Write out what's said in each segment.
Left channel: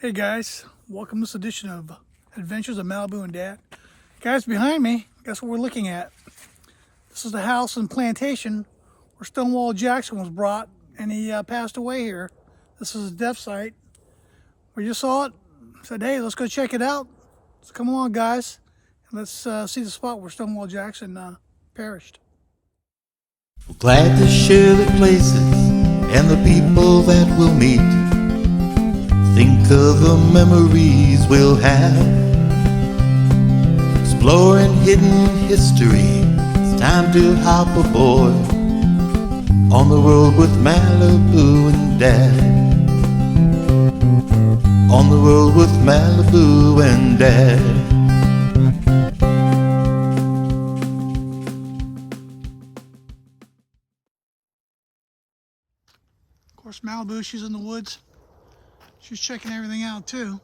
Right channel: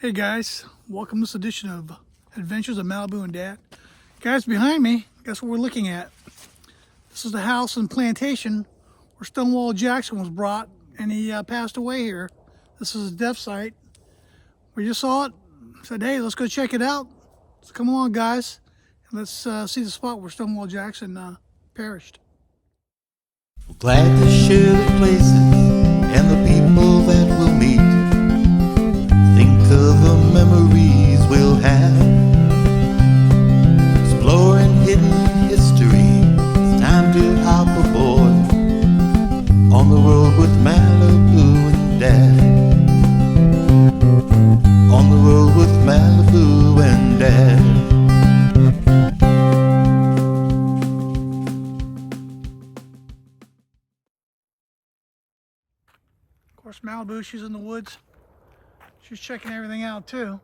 Hey guys, welcome to this edition of Adventures of Malibu and Dad. Guys, behind me, guess what we're looking at? This is the house and plantation where Stonewall Jackson was brought and he passed away here. This is his death site. We just saw it, said, hey, let's go check it out. So come along, guys, and let's see the spot where Stonewall Jackson perished. We're glad to share the places and the people that we'll meet. Think of the memories we'll have, exploring hidden history. It's time to hop aboard on the road with Malibu and Dad. On the road with Malibu and Dad. Of course, Malibu, she's in the woods. She's checking everything out too.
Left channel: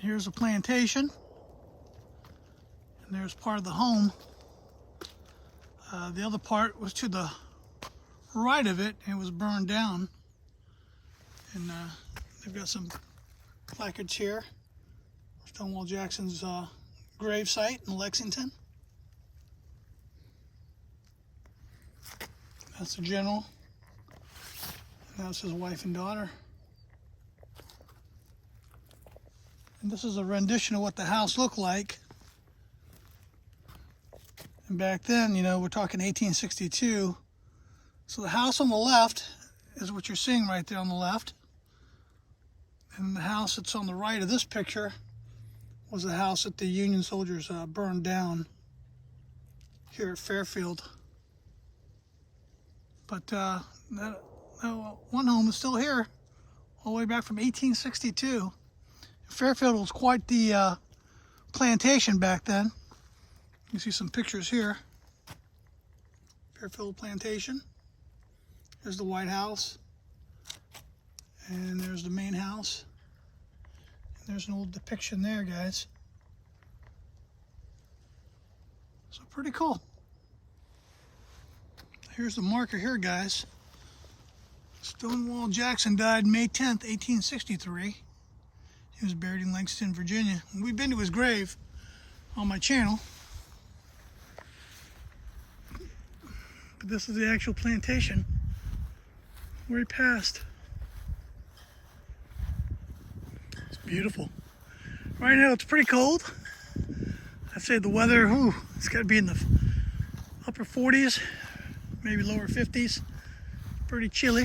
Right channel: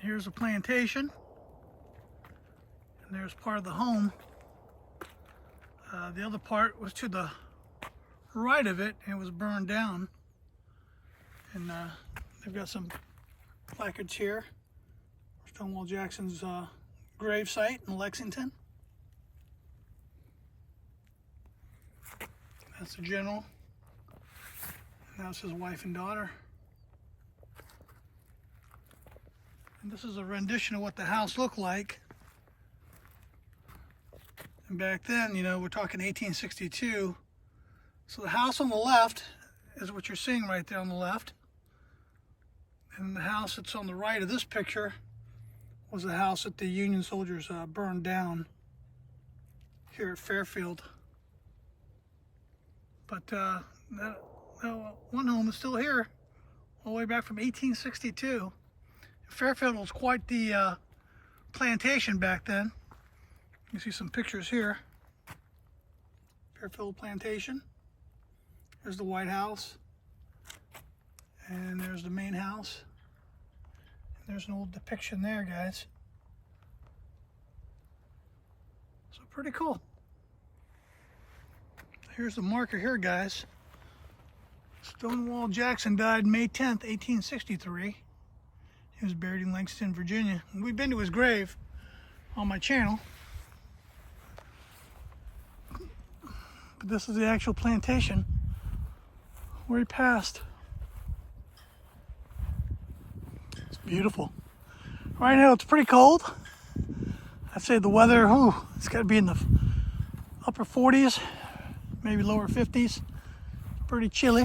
Here's the plantation. And there's part of the home. The other part was to the right of it and it was burned down. And they've got some placards here. Stonewall Jackson's grave site in Lexington. That's the general. That's his wife and daughter. And this is a rendition of what the house looked like. And back then, you know, we're talking 1862. So the house on the left is what you're seeing right there on the left. And the house that's on the right of this picture was the house that the Union soldiers burned down here at Fairfield. But one home is still here, all the way back from 1862. Fairfield was quite the plantation back then. You can see some pictures here. Fairfield Plantation. There's the White House. And there's the main house. And there's an old depiction there, guys. So pretty cool. Here's the marker here, guys. Stonewall Jackson died May 10th, 1863. He was buried in Lexington, Virginia. And we've been to his grave on my channel. But this is the actual plantation where he passed. It's beautiful. Right now it's pretty cold. I'd say the weather, it's got to be in the upper 40s, maybe lower 50s. Pretty chilly.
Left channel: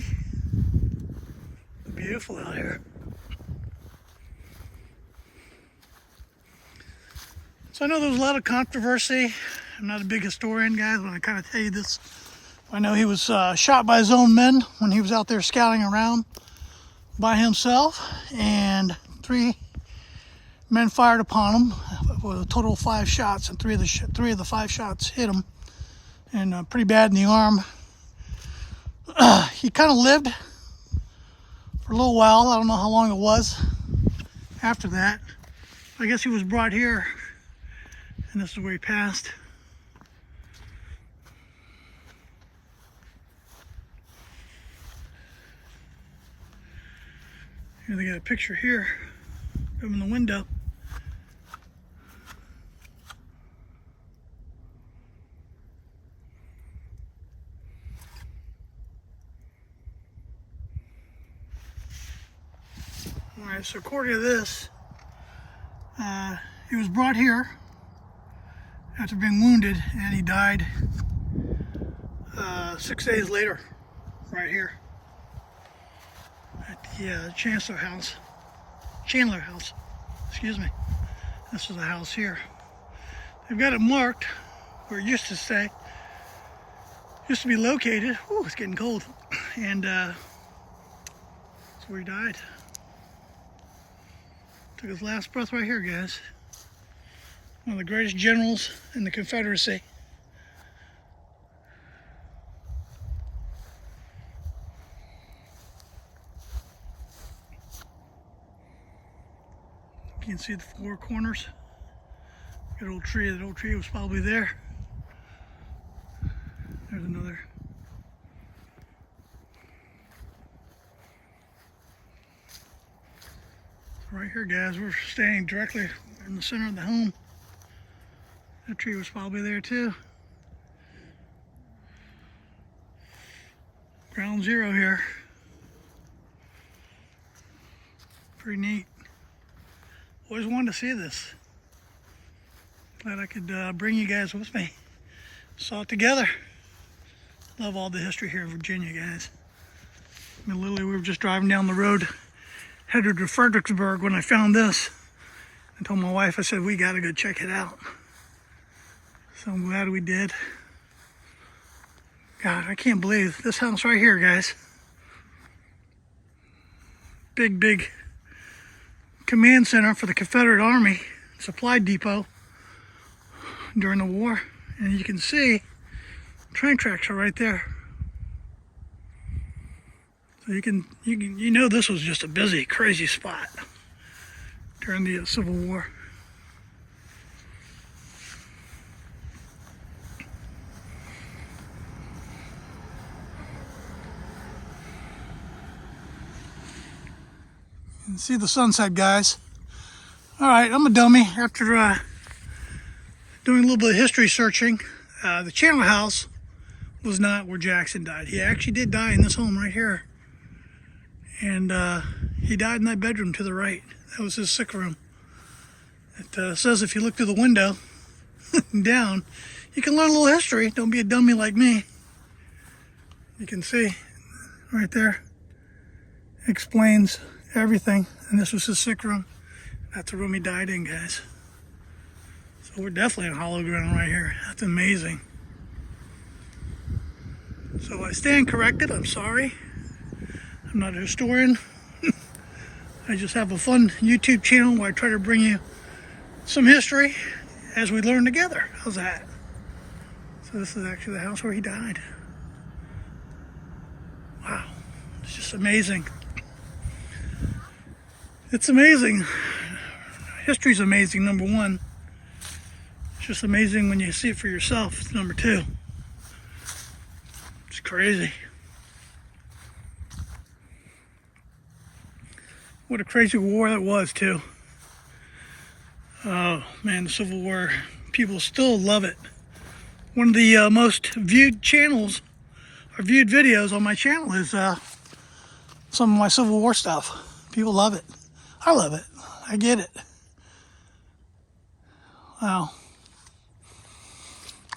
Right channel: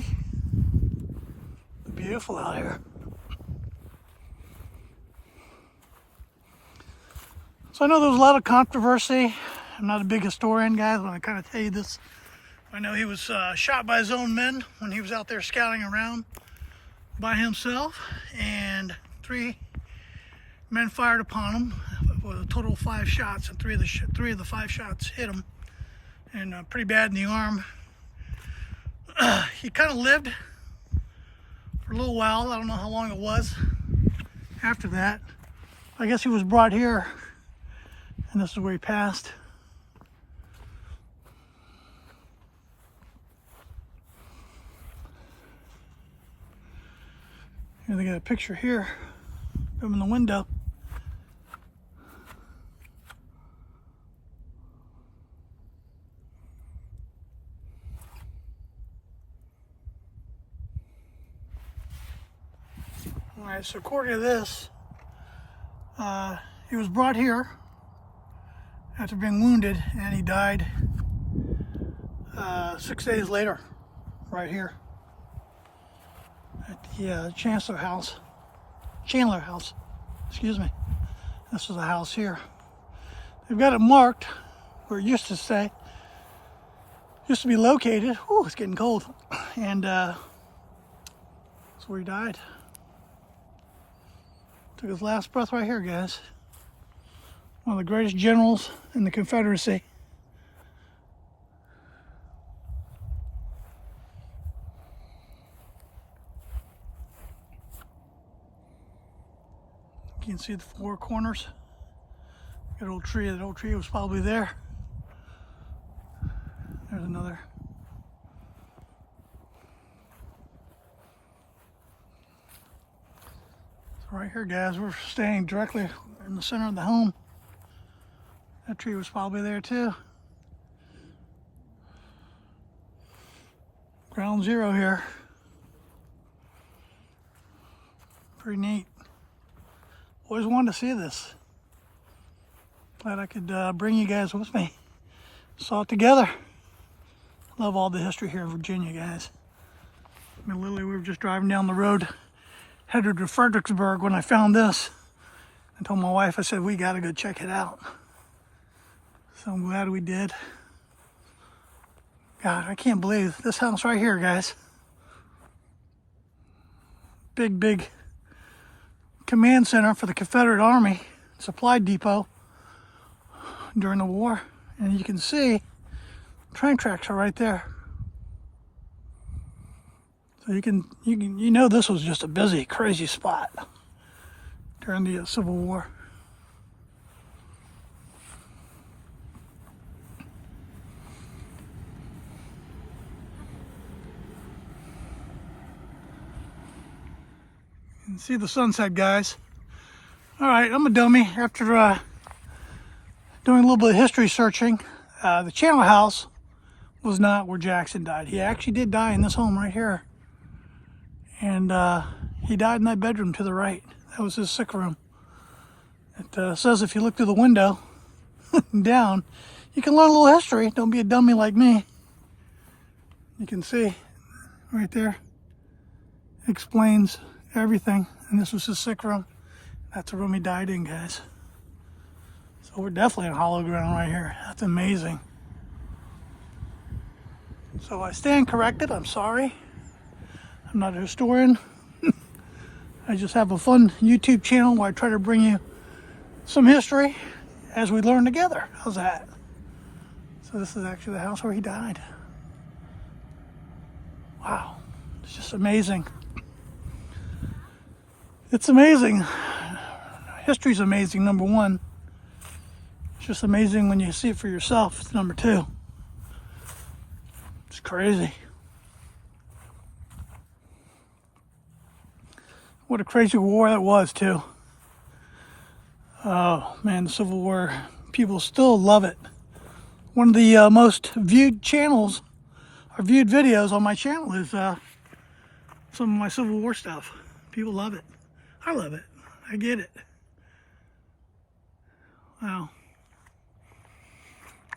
Beautiful out here. So I know there was a lot of controversy. I'm not a big historian, guys, when I kind of tell you this. I know he was shot by his own men when he was out there scouting around by himself, and 3 men fired upon him with a total of 5 shots, and 3 of the 5 shots hit him, and pretty bad in the arm. He kind of lived for a little while. I don't know how long it was after that. I guess he was brought here, and this is where he passed. Here they got a picture here of him in the window. Alright, so according to this, he was brought here after being wounded, and he died 6 days later, right here at the Chandler House, excuse me. This is the house here. They've got it marked where it used to be located. Oh, it's getting cold. And that's where he died. Took his last breath right here, guys. One of the greatest generals in the Confederacy. You can see the 4 corners. That old tree was probably there. There's another Right here, guys, we're standing directly in the center of the home. That tree was probably there too. Ground zero here. Pretty neat. Always wanted to see this. Glad I could bring you guys with me. Saw it together. Love all the history here in Virginia, guys. I mean, literally, we were just driving down the road, headed to Fredericksburg when I found this. I told my wife, I said, we gotta go check it out. So I'm glad we did. God, I can't believe this house right here, guys. Big command center for the Confederate Army, supply depot during the war. And you can see train tracks are right there. So you know this was just a busy, crazy spot during the Civil War. You can see the sunset, guys. All right, I'm a dummy. After doing a little bit of history searching, the Channel House was not where Jackson died. He actually did die in this home right here. And he died in that bedroom to the right. That was his sick room. It says if you look through the window down, you can learn a little history. Don't be a dummy like me. You can see right there. Explains everything. And this was his sick room. That's the room he died in, guys. So we're definitely on hollow ground right here. That's amazing. So I stand corrected. I'm sorry. I'm not a historian. I just have a fun YouTube channel where I try to bring you some history as we learn together. How's that? So this is actually the house where he died. Wow. It's just amazing. It's amazing. History's amazing, number one. It's just amazing when you see it for yourself. It's number two. It's crazy. What a crazy war that was, too. Oh, man, the Civil War. People still love it. One of the most viewed channels, or viewed videos on my channel is some of my Civil War stuff. People love it. I love it. I get it. Wow.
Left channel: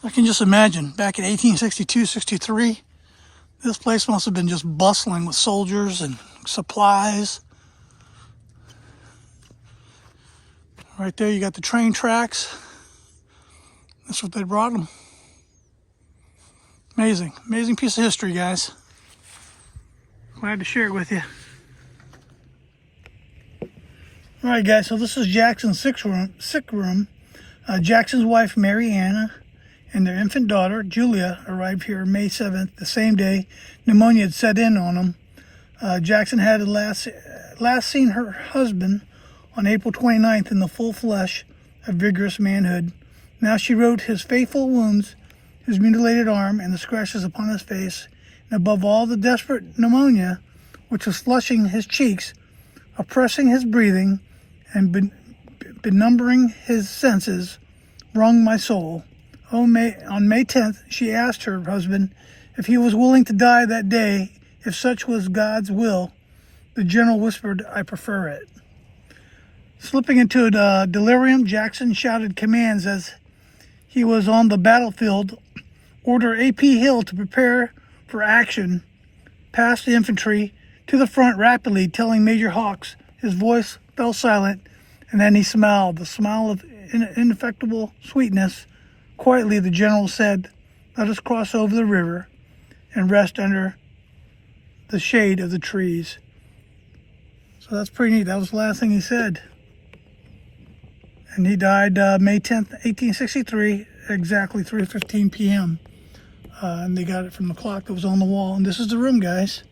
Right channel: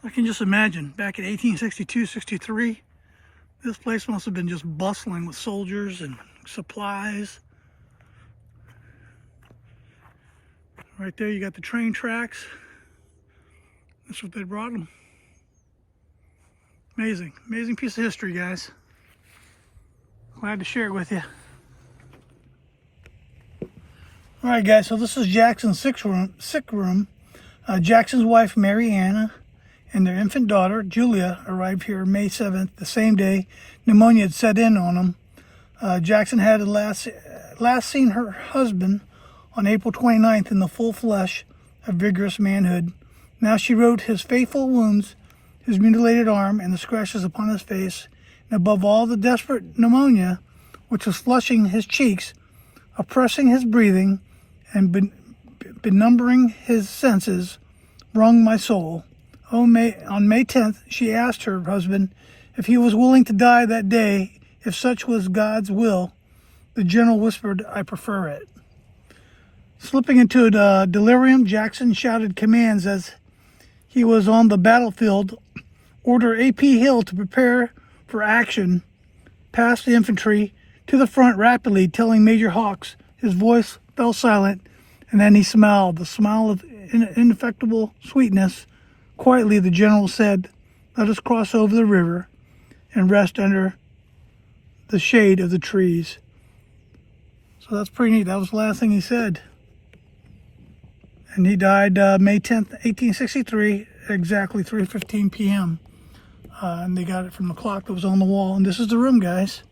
I can just imagine, back in 1862, 63, this place must have been just bustling with soldiers and supplies. Right there, you got the train tracks. That's what they brought them. Amazing, amazing piece of history, guys. Glad to share it with you. All right, guys, so this is Jackson's sick room. Jackson's wife, Mary Anna, and their infant daughter, Julia, arrived here May 7th, the same day pneumonia had set in on them. Jackson had last seen her husband on April 29th in the full flesh of vigorous manhood. Now she wrote his faithful wounds, his mutilated arm, and the scratches upon his face, and above all the desperate pneumonia which was flushing his cheeks, oppressing his breathing, and benumbing his senses, wrung my soul. On May 10th, she asked her husband if he was willing to die that day, if such was God's will. The general whispered, I prefer it. Slipping into a delirium, Jackson shouted commands as he was on the battlefield. Order A.P. Hill to prepare for action. Past the infantry to the front rapidly, telling Major Hawks. His voice fell silent, and then he smiled, the smile of ineffectual sweetness. Quietly, the general said, let us cross over the river and rest under the shade of the trees. So that's pretty neat. That was the last thing he said. And he died May 10th, 1863, exactly 3:15 p.m. And they got it from the clock that was on the wall. And this is the room, guys.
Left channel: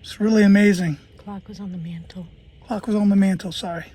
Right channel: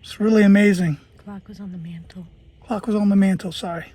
It's really amazing. Clock was on the mantle. Clock was on the mantle, sorry.